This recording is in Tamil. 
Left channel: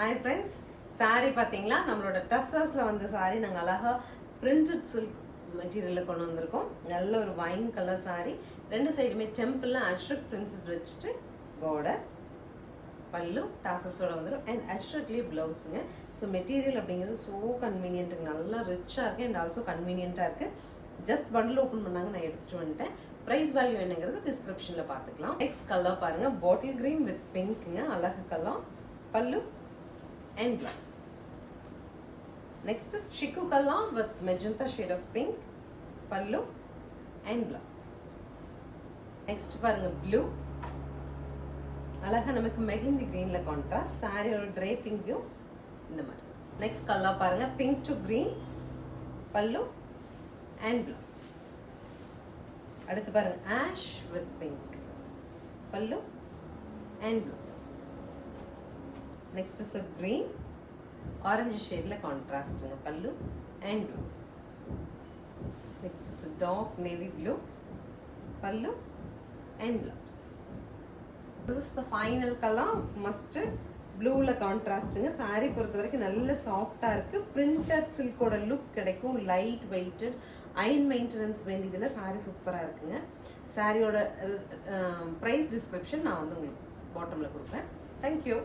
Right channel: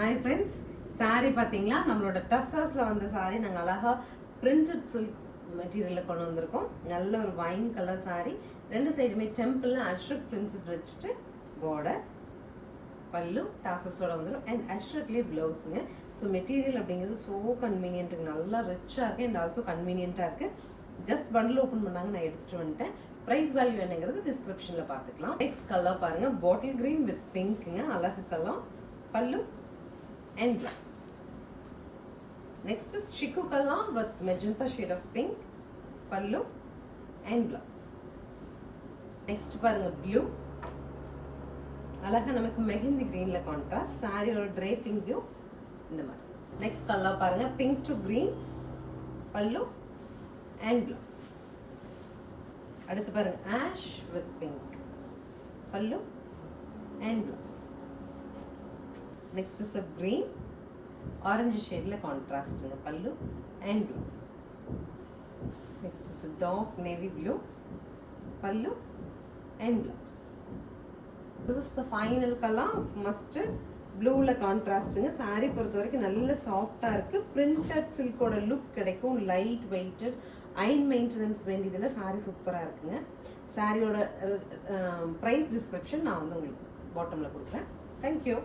Hi friends, saree பாத்தீங்களா நம்மளோட டசர்ஸ்ல வந்த saree நாங்க அழகா printed silk மெட்டீரியல்ல கொண்டு வந்திருக்கோம். நல்ல ஒரு வைன் கலர் saree. ரெண்டு சைடுமே டெம்பிள்ல அஷ்ரக் பிரின்சஸ் வச்சிட்டு border பல்லு டாசல்ஸோட வந்துரும் and அஷ்ரக்லயே ப்ளவுஸ்ங்க. ஸோ மெட்டீரியல் அப்படிங்கிறது ஸோ கன்வீனியன்ட்டுங்க, நல்லா ரிச்சாக இருக்குது அண்ட் ஆல்சோ கன்வீனியண்ட்டாக இருக்குது. ஜஸ்ட் பண்டில் ஓப்பன் பண்ணாங்க, நான் எடுத்துகிட்டு வந்துட்டேன். ப்ரைஸ் வேல்யூ என்னங்கிறது டிஸ்கிரிப்ஷனில் பார்த்துக்கலாம். நெக்ஸ்ட் கலர் பாருங்கள், பாட்டில் க்ரீன் வித் பிங்க்குங்க, அழகு கலர். பல்லு and blouse. Next is chiku color with magenta shade of pink, pallu and blouse. Next பாருங்க blue, அழகா நமக்கு மெஹந்தி greenல contrast, saree ஒரு draping view இந்த மாதிரி. Next color பாருங்க pink to green, pallu and blouse. அடுத்து பாருங்க ash with pink, pallu and blouse. Next is a green, orange shade la contrast in pallu and blouse. Next is a dark navy blue, pallu and blouse. This is the final color of mustard blue la contrast inga. Saree பொறுத்த வரைக்கும் நல்ல சாஃப்ட்டா இருக்கு. printed silk ஓட லுக் கிடைக்கும். லைட் வெயிட்டட், அயன் மெயின்டெனன்ஸ் வேண்டியதுல saree சூப்பரா இருக்குங்க. சாரியோட பிரைஸ் டிஸ்கிரிப்ஷன் நான் வந்து உங்களுக்கு பாட்டம்ல கொடுக்குறேன். Thank you.